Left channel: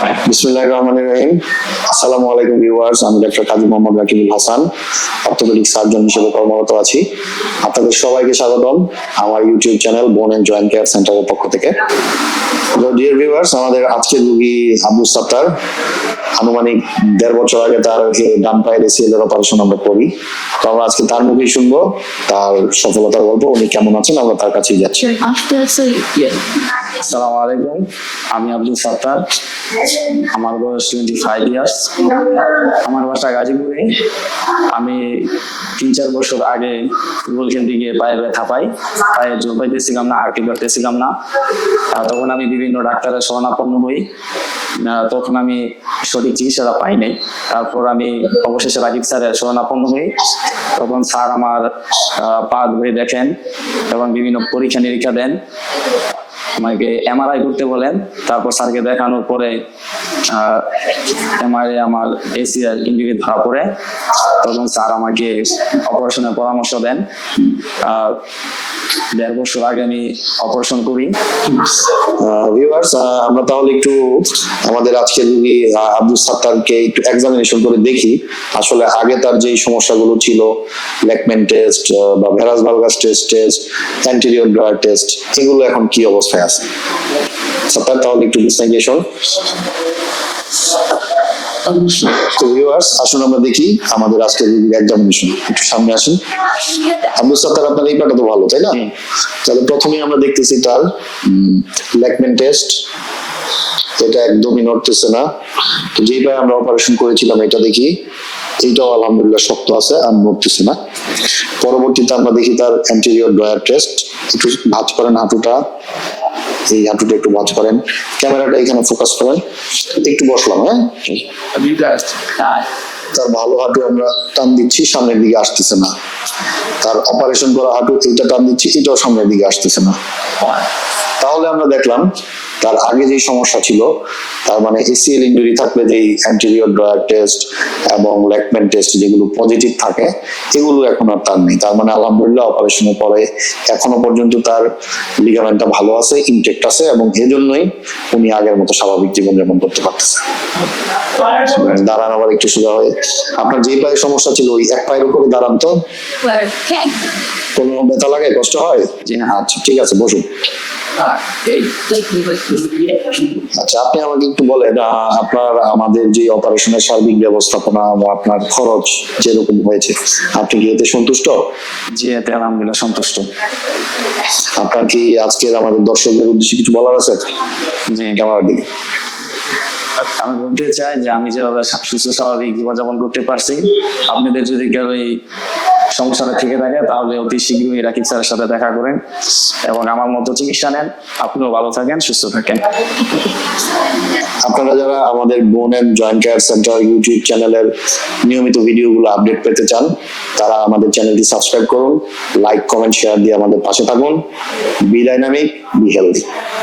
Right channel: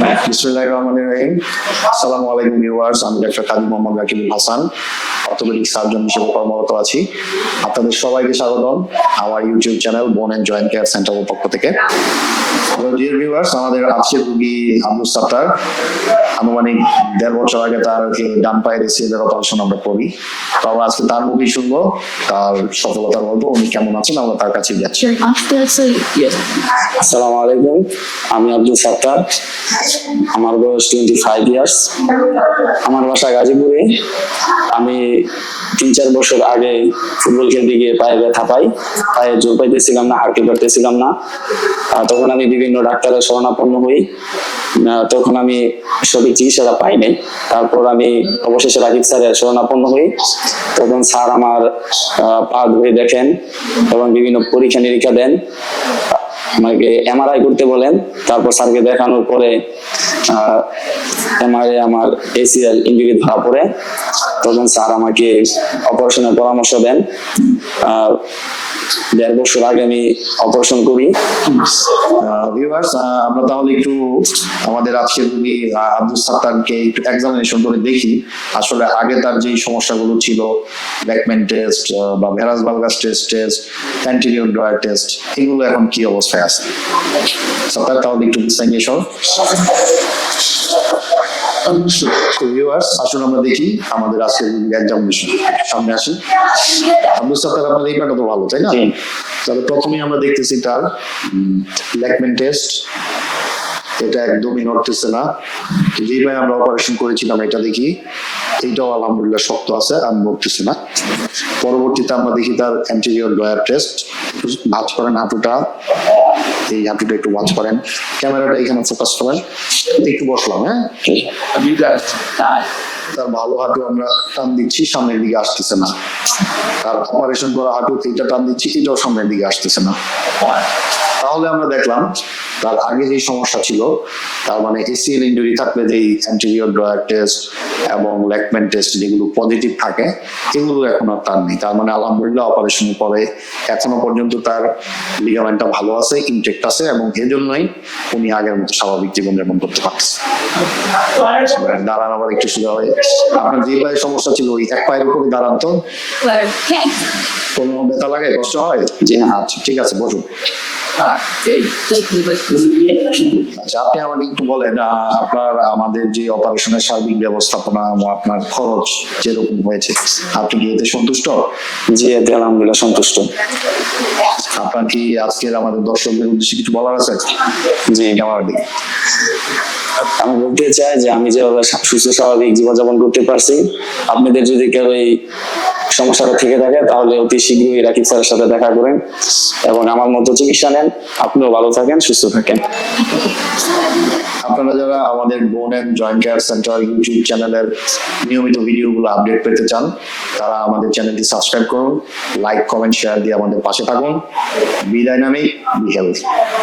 বিসমিল্লাহির রহমানির রহিম। আসসালামু আলাইকুম ভিউয়ার্স, আমি doctor Kazi Mohammad Rakibul Hasan, orthopaedic surgeon হিসেবে কর্মরত আছি। আপনাদের সবাইকে স্বাগতম আমার ইউটিউব চ্যানেল বোন এন্ড জয়েন্ট কেয়ার সেন্টারের পক্ষ থেকে। ডিয়ার ভিউয়ার্স, আমাদের আজকের রোগী আব্দুল সাত্তার। আনুমানিক 1.5 বছর আগে তার ডান পায়ের ACL এর অপারেশন আমরা করি। তো আমরা আজকে তার মুখেই শুনবো তার সফলতার গল্প, উনি কেমন আছেন আমরা তার কাছেই যাচ্ছি। আসসালামু আলাইকুম, আমি আব্দুল সাত্তার, আমার বয়স 25 ইয়ার্স, আমার বাসা গাজীপুরে। আমি 3-4 বছর আগে ফুটবল খেলতে গিয়ে পায়ে ব্যথা পাই, পায়ে জোর পাইতেছিলাম না, হাঁটতে পারতেছিলাম না। তখন আমি বিভিন্ন ডাক্তারের শরণাপন্ন হই, তখন আমি সঠিক চিকিৎসাটা পাই নাই। তারপর আমি অবশেষে রাকিব স্যারের শরণাপন্ন হই। তখন স্যার আমার পা ধরে দেখেন এবং বিভিন্ন পরীক্ষা নিরীক্ষা দেন, আমাকে MRI করতে বলেন। তারপর স্যারকে দেখানোর পরে MRI আমার ACL ইনজুরি ধরা পড়ে। তখন স্যার আমাকে অপারেশনের পরামর্শ দেন। 1.5 বছর আগে আমি অপারেশন করি। ভিউয়ার্স, আমরা তাহলে একটু আমাদের আজকের রোগী আব্দুল সাত্তারকে একটু এক্সামিনেশন করে দেখি আসলে আগে তার যে সমস্যাগুলো ছিল, লেকম্যান টেস্ট বা ভেরাস valgus test, anterior drawer test, এগুলো এখন কি অবস্থায় আছে। সাত্তার, তাহলে একটু বিশ্লেষণ। তো ভিউয়ার্স, আসুন আমরা দেখি আমাদের আজকের এক্সামিনেশন। একটু সামনে আসেন। আব্দুল সাত্তার, আপনার এই পাটা তো ভালো, তাই না? তাহলে প্রথমেই আমরা দেখতেছি তার লেকম্যান টেস্ট। এটা একদমই নড়তেছে না। যেই পায়ে আমরা অপারেশন করেছিলাম এটা দেখি, এইটাও আলহামদুলিল্লাহ শক্ত আছে আর নড়তেছে না। পরবর্তীতে আমরা দেখি তার অ্যান্টেরিয়র ড্রয়ার টেস্ট। একটু ভাঁজ করেন হাঁটুটা, এই হাঁটুটা একটু ভাঁজ করেন, ক্যামেরাটা এখানে ফোকাস করেন। একটু বসলাম, হ্যাঁ। তার ভালো হাঁটু আমরা টান দিচ্ছি, সামনের দিকে আসতেছে না। তার অপারেশন করা হাঁটু এইটা টান দিচ্ছি, এটাও সামনের দিকে আসতেছে না। তাহলে আমরা দেখলাম তার আগে যে সমস্যা ছিল, তার মানে ACL ইনজুরি থাকলে যে অ্যান্টেরিয়র ড্রয়ার টেস্ট এবং লেকম্যান টেস্ট যেগুলো পজিটিভ থাকে, এগুলো এখন আর তার নেই। তার মানে আলহামদুলিল্লাহ অপারেশনের পরে এখনো পর্যন্ত তার লিগামেন্টটা ভালো আছে, ইনটেক্ট আছে, এবং এজন্যই উনি আগের মতো স্বাভাবিক জীবনযাপন করতে পারতেছে। দাঁড়ান আবার একটু সোজা হয়ে। আপনার যে পায়ের সমস্যা ছিল ওই এক পায়ের উপরে দাঁড়ান তো। কোনো ব্যথা লাগে, কষ্ট হয়? জি না, আচ্ছা ঠিক আছে, বসুন। আচ্ছা, আপনি আমাকে একটু বলেন আপনার আমাদের যে অপারেশনের সার্বিক ব্যবস্থাপনা ও আপনার খরচ যেরকম হয়েছে, আপনি কি এতে সন্তুষ্ট? জি, এতে আলহামদুলিল্লাহ সন্তুষ্ট। আপনার কি আজকের আমাদের দর্শকদের উদ্দেশ্যে কিছু বলার আছে? জি, আমার দিকে আমি বলতে চাই যে আমি যেভাবে সুস্থ স্বাভাবিক জীবনযাপন করতে পারছি, আপনাদের যদি কেউ এই সমস্যাটা থেকে থাকে তাহলে অতি শীঘ্রই রাকিব স্যারের সাথে দেখা করেন এবং আমার মতো চিকিৎসা নেন। আপনিও ভালো থাকেন, সুস্থ থাকেন। আপনারা যারা আমাদের bone and joint care centre YouTube চ্যানেলের নিয়মিত ভিডিওগুলো আপডেট পেতে চান, তারা আমাদের চ্যানেলটি সাবস্ক্রাইব করুন, লাইক, কমেন্ট, শেয়ার দিয়ে আমাদের পাশে থাকুন। Be dynamic, be healthy.